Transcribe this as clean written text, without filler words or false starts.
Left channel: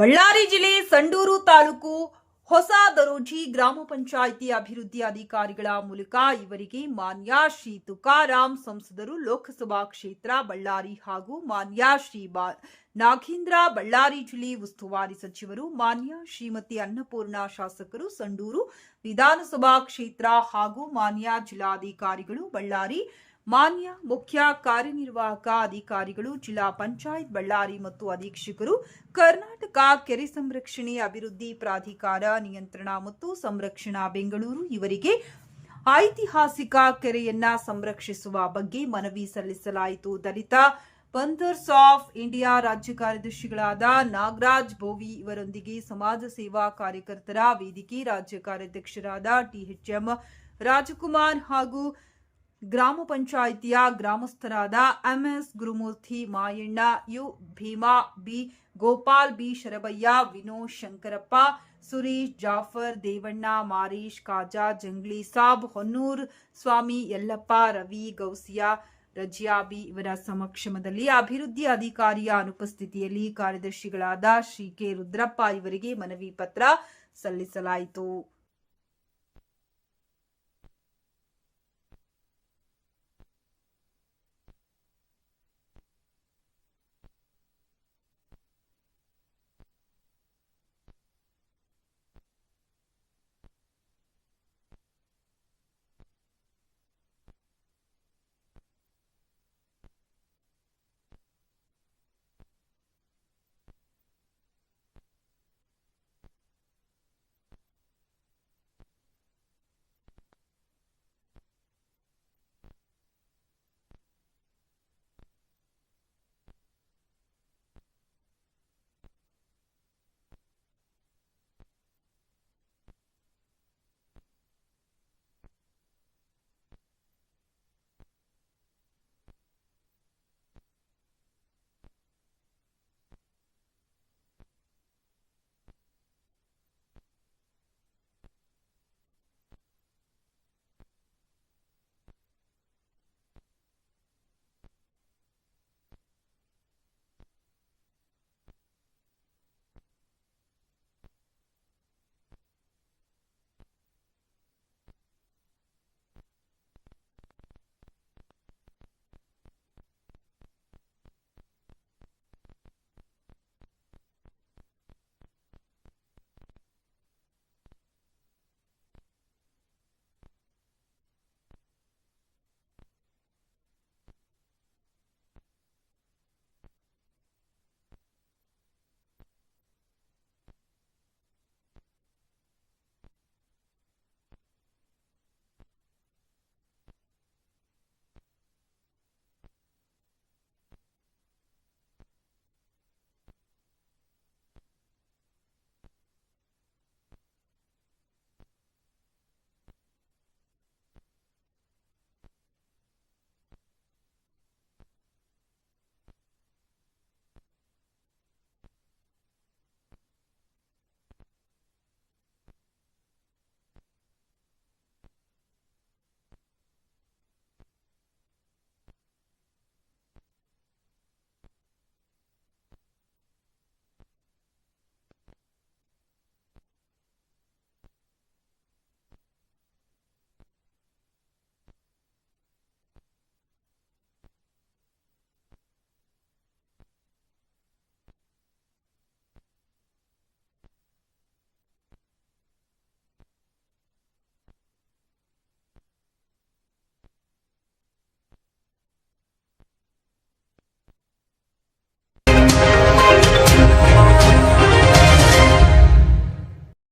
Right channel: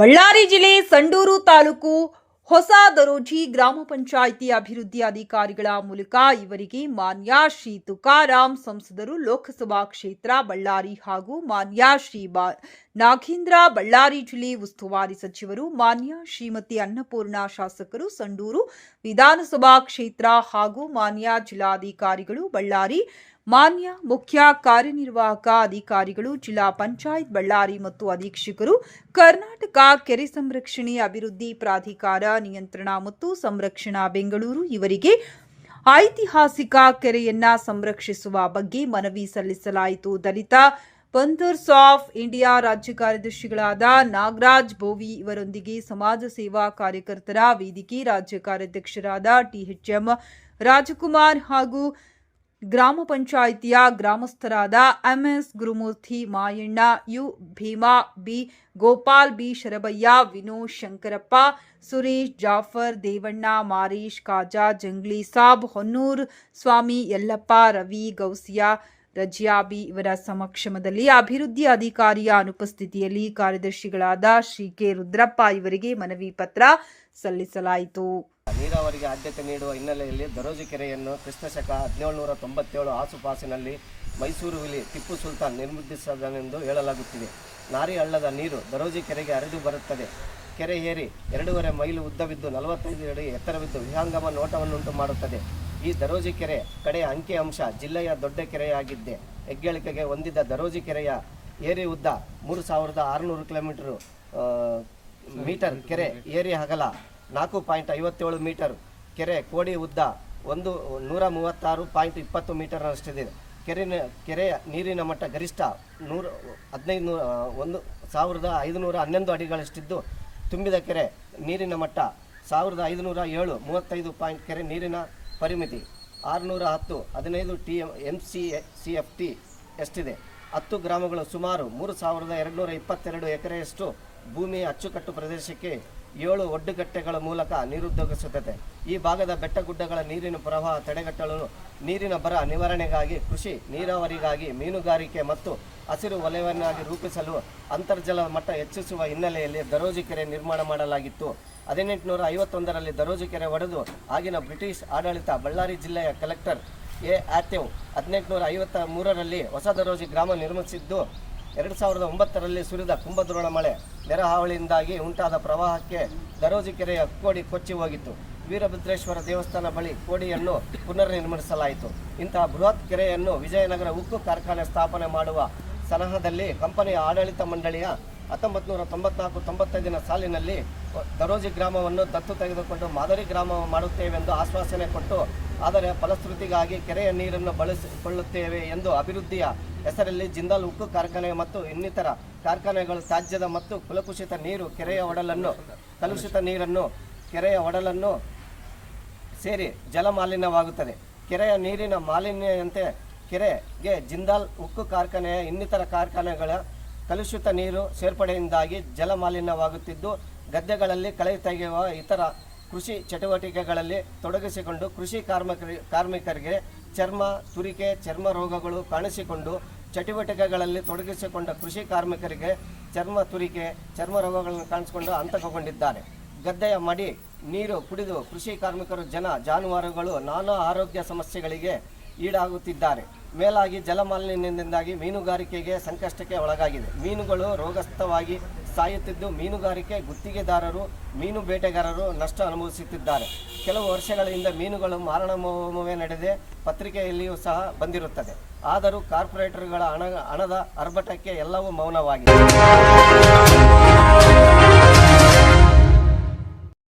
ಬಳ್ಳಾರಿ ಜಿಲ್ಲೆ ಸಂಡೂರು ತಾಲೂಕು ಹೊಸ ದರೋಜಿ ಗ್ರಾಮ ಪಂಚಾಯಿತಿ ಅಭಿವೃದ್ಧಿ ಅಧಿಕಾರಿಗಳ ಮೂಲಕ ಇವರಿಗೆ ಮಾನ್ಯ ಶ್ರೀ ತುಕಾರಾಮ್ ಸಂಸದರು ಲೋಕಸಭಾ ಕ್ಷೇತ್ರ ಬಳ್ಳಾರಿ ಹಾಗೂ ಮಾನ್ಯ ಶ್ರೀ ನಾಗೇಂದ್ರ ಬಳ್ಳಾರಿ ಜಿಲ್ಲೆ ಉಸ್ತುವಾರಿ ಸಚಿವರು ಮಾನ್ಯ ಶ್ರೀಮತಿ ಅನ್ನಪೂರ್ಣ ಶಾಸಕರು ಸಂಡೂರು ವಿಧಾನಸಭಾ ಕ್ಷೇತ್ರ ಹಾಗೂ ಮಾನ್ಯ ಜಿಲ್ಲಾಧಿಕಾರಿಗಳು ಬಳ್ಳಾರಿ ಮಾನ್ಯ ಮುಖ್ಯ ಕಾರ್ಯನಿರ್ವಾಹಕ ಅಧಿಕಾರಿಗಳು ಜಿಲ್ಲಾ ಪಂಚಾಯತ್ ಬಳ್ಳಾರಿ ಮತ್ತು ಅಧೀಕ್ಷಕರು ಕರ್ನಾಟಕ ಕೆರೆ ಸಂರಕ್ಷಣೆ ಅಭಿವೃದ್ಧಿ ಪ್ರಾಧಿಕಾರ ನಿಯಂತ್ರಣ ಮತ್ತು ಸಂರಕ್ಷಣಾ ಬೆಂಗಳೂರು ಇವರಿಗೆ ಐತಿಹಾಸಿಕ ಕೆರೆಯನ್ನ ಸಂರಕ್ಷಿಸುವ ಬಗ್ಗೆ ಮನವಿ ಸಲ್ಲಿಸಲಾಯಿತು. ದಲಿತ ಪಂಥರ್ಸ್ ಆಫ್ ಇಂಡಿಯಾ ರಾಜ್ಯ ಕಾರ್ಯದರ್ಶಿಗಳಾದ ನಾಗರಾಜ್ ಬೋವಿ ಇವರೊಂದಿಗೆ ಸಮಾಜ ಸೇವಾ ಕಾರ್ಯಕರ್ತರ ವೇದಿಕೆ ರಾಜ್ಯ ಕಾರ್ಯಾಧ್ಯಕ್ಷರಾದ ಟಿಎಚ್ಎಂ ರಾಜಕುಮಾರ್ ಹಾಗೂ ಗ್ರಾಮ ಪಂಚಾಯಿತಿಯ ಗ್ರಾಮಸ್ಥರಾದ MS Gurumurthy, Mayanna, U Bhima, B Gopal, B Sharabayya, Vinod, Shankarappa, Suresh, Jafar, Devanna, Marish, Kaja, Jangli Sab, Honnur Swami, Yallappa, Ravi, Gousiya, Raziyabi ಇವರ ಸಮಕ್ಷಮದಲ್ಲಿ ಅಭಿವೃದ್ಧಿ ಅಧಿಕಾರಿಯ ಅನುಪಸ್ಥಿತಿಯಲ್ಲಿ ಕಾರ್ಯದರ್ಶಿಗಳಾದ ಶ್ರೀ ಕೆ ರುದ್ರಪ್ಪ ಇವರಿಗೆ ಮನವಿ ಪತ್ರ ಸಲ್ಲಿಸಲಾಯಿತು. ನೀರಾವರಿಗೆ ಆದ್ಯತೆ ನೀಡುವ ಹಿನ್ನೆಲೆಯಲ್ಲಿ ದರೋಜಿ ಕೆರೆಯನ್ನು ಕ್ರಿಸ್ತಶಕ 1797 ಆಸುಪಾಸಿನಲ್ಲಿ ಮೈಸೂರು ವಿಲಿ ಟಿಪ್ಪು ಸುಲ್ತಾನ್ ನಿರ್ಮಿಸಿದನೆಂದು ಹೇಳಲಾಗುತ್ತಿದೆ. ನಾರಿ ಹಳ್ಳದ ನೀರು ದರೋಜಿ ಕೆರೆಗೆ ಹರಿದು ಬರುತ್ತದೆ. ಕೆರೆ ಏರಿ 2.5 ಮೈಲು ಉದ್ದವಿದ್ದು 45 ಅಡಿ ಎತ್ತರವಿದ್ದು ವಿಹಂಗಮ ನೋಟವನ್ನುಂಟು ಮಾಡುತ್ತದೆ. ಈ ದರೋಜಿ ಕೆರೆ ಕಡೆಯ ಅಂಕಿ ಅಂಶ ಜಿಲ್ಲೆಯ ದೊಡ್ಡ ಕೆರೆಯಾಗಿದ್ದೆ. ಹೆಗ್ಗಳಿಕೆಗೆ ಹೊಂದಿದ ದರೋಜಿ ಕೆರೆಯ ಏರಿ ಉದ್ದ 3600 ಮೀಟರ್, ಕೆರೆ ಏರಿ ಅಗಲ 4.57 ಮೀಟರ್, ಕೆರೆ ಕೋಡಿ ಉದ್ದ 136.20 ಮೀಟರ್ನಷ್ಟಿದೆ. ಕೆರೆಯ ನೀರಿನ ಮಟ್ಟ ಗರಿಷ್ಠ 1511 ಅಡಿಗಳಷ್ಟಿದ್ದು, ತುಂಬಿದ ಕೆರೆ ನೀರಿನ ಮಟ್ಟ 1507. ಕೆರೆ ನೀರಿನ ಪರಿಮಿತಿ 610 MCFT ಎಷ್ಟಿದೆ. 10 ಗ್ರಾಮಗಳು ಸುಮಾರು 3222 ಎಕರೆಯಷ್ಟು ಭೂಮಿಯ ಅಚ್ಚುಕಟ್ಟು ಪ್ರದೇಶಕ್ಕೆ 7 ಒಡ್ಡುಗಟ್ಟೆಗಳ ಮೂಲಕ ನೀರುದ್ದೋಗಿಸುತ್ತದೆ. ಈ ಭಾಗದ ಬೆಟ್ಟಗುಡ್ಡಗಳ ನೀರಿನ ಪ್ರವಾಹ ತಡೆಗಟ್ಟಲು, ನೀರಿನ ಬರ ನಿವಾರಣೆಗಾಗಿ, ಕೃಷಿ ನೀರಾವರಿಗಾಗಿ, ಮೀನುಗಾರಿಕೆ ಮತ್ತು ಹಸಿರು ವಲಯವನ್ನಾಗಿ ರೂಪಿಸಲು ಅಂತರ್ಜಲ ಮಟ್ಟ ಹೆಚ್ಚಿಸುವ ಹಿನ್ನೆಲೆಯಲ್ಲಿ ದರೋಜಿ ಕೆರೆ ನಿರ್ಮಾಣ ಮಾಡಲಾಗಿತ್ತು. 1851ರಲ್ಲಿ ದರೋಜಿ ಕೆರೆ ಒಡೆದು ಆಗಿನ ಬ್ರಿಟಿಷ್ ಆಡಳಿತ ಬಳ್ಳಾರಿ ಜಿಲ್ಲೆಯ ಕಲೆಕ್ಟರ್ ಎ ಆಥೆವ್ 1853ರಲ್ಲಿ ಹೊಸ ದರೋಜಿ ಗ್ರಾಮ ನಿರ್ಮಿಸಿದ್ದು, 2009ರಲ್ಲಿ ಸುರಿದ ಕುಂಭದ್ರೋಣ ಮಳೆ ನೆರೆಹಾವಳಿಯಿಂದಾಗಿ ಉಂಟಾದ ಪ್ರವಾಹಕ್ಕೆ ದರೋಜಿ ಕೆರೆಯ ಕೋಡಿ ಕೊಚ್ಚಿ ಹೋಗಿತ್ತು. ವೀರಭದ್ರೇಶ್ವರ ದೇವಸ್ಥಾನ ಬಳಿ ಕೋಡಿಯನ್ನು ಪುನರ್ ನಿರ್ಮಿಸಲಾಯಿತು. ಇಂತಹ ಬೃಹತ್ ಕೆರೆಯನ್ನು ವಿಜಯನಗರ ಉಕ್ಕು ಕಾರ್ಖಾನೆ ಸ್ಥಾಪನೆ ಮಾಡುವ ಸಲಹದಲ್ಲಿ ಕಂಪನಿಯ ಆಡಳಿತ ಮಂಡಳಿಯ 1994-95 ಸಾಲಿನಲ್ಲಿ ದರೋಜಿ ಗ್ರಾಮವನ್ನು ದತ್ತು ತೆಗೆದುಕೊಂಡು ಮಾದರಿ ಗ್ರಾಮ ಮಾಡುತ್ತೇವೆಂದು ಆಶ್ವಾಸನೆ ಕೊಟ್ಟು, ಆದರೆ ಫಲಶ್ರುತಿಗಾಗಿ ಕೆರೆಯ ನೀರನ್ನು ಬಳಸಿಕೊಳ್ಳುತ್ತೇವೆ ಎಂದು ಅಭಿವೃದ್ಧಿಯ ಹೆಸರಲ್ಲಿ ಜಿಂದಾಲ್ ಉಕ್ಕು ಕಾರ್ಖಾನೆ ಮತ್ತು ಇನ್ನಿತರ ಕಾರ್ಖಾನೆಗಳು ತ್ಯಾಜ್ಯದ ಮತ್ತು ಕುಲಕುಷಿತ ನೀರು ಕಲುಷಿತ ನೀರನ್ನು ಕೆರೆಯ ಒಡಲನ್ನು ಸೇರಿ ಜಲಮಾಲಿನ್ಯವಾಗುತ್ತದೆ. ಕೆರೆಯ ನೀರಿನ ಮಾಲಿನ್ಯಂತೆ ಕೆರೆಗೆ ಜಿಂದಾಲ್ ಉಕ್ಕು ಕಾರ್ಖಾನೆಯ ಇನ್ನಿತರ ಕಾರ್ಖಾನೆಗಳ ಕಲುಷಿತ ನೀರು ಸೇರ್ಪಡೆಯಿಂದಾಗಿ ಜಲಮಾಲಿನ್ಯವಾಗುತ್ತಿದ್ದು, ಗದ್ದೆಗಳಲ್ಲಿ ಕಳೆ ತೆಗೆಯುವ ಇತರ ಕೃಷಿ ಚಟುವಟಿಕೆಗಳಲ್ಲಿ ತೊಡಗಿಸಿಕೊಂಡು ಕೃಷಿ ಕಾರ್ಮಿಕರಿಗೆ ಚರ್ಮ ತುರಿಕೆ ಚರ್ಮ ರೋಗಗಳು ಕಾಣಿಸಿಕೊಂಡು, ಚಟುವಟಿಕೆಗಳಲ್ಲಿ ತೊಡಗಿಸಿಕೊಂಡ ಕೃಷಿ ಕಾರ್ಮಿಕರಿಗೆ ಚರ್ಮ ತುರಿಕೆ ಚರ್ಮ ರೋಗಗಳನ್ನು ಕಾಣಿಸಿಕೊಂಡು ಹಂತಕಗೊಂಡಿದ್ದಾರೆ. ಗದ್ದೆಯ ಮಡಿ ನೀರು ಕುಡಿದು ಕೃಷಿ ಕಾರ್ಮಿಕರು ಜಾನುವಾರುಗಳು ನಾನಾ ಆರೋಗ್ಯ ಸಮಸ್ಯೆಗಳಿಗೆ ಈಡಾಗುತ್ತಿದ್ದಾರೆ. ಮೇಲಾಗಿ ಜಲಮಾಲಿನ್ಯದಿಂದಾಗಿ ಮೀನುಗಾರಿಕೆಗೆ ಸಂಕಷ್ಟಕ್ಕೆ ಒಳಗಾಗಿದೆ. ಮೀನುಗಳು ರೋಗಸ್ಥವಾಗಿ ಸಾಯುತ್ತಿದ್ದು, ಮೀನುಗಾರಿಕೆ ಗುತ್ತಿಗೆದಾರರು, ಮೀನು ಬೇಟೆಗಾರರು ನಷ್ಟ ಅನುಭವಿಸುತ್ತಿದ್ದಾರೆ. ಕೆಲವು ವರ್ಷಗಳ ಹಿಂದೆ ಮೀನುಗಳು ಮಾರಣಮೋಮವೇ ನಡೆದೇ ಪತ್ರಿಕೆಯಲ್ಲಿಯೂ ಸಹ ಬಂದಿರುತ್ತದೆ. ಆದರೂ ಕಾರ್ಪೊರೇಟರ್ಗಳ ಹಣದ ಅರ್ಭಟಕ್ಕೆ ಎಲ್ಲವೂ ಮೌನವಾಗಿದೆ.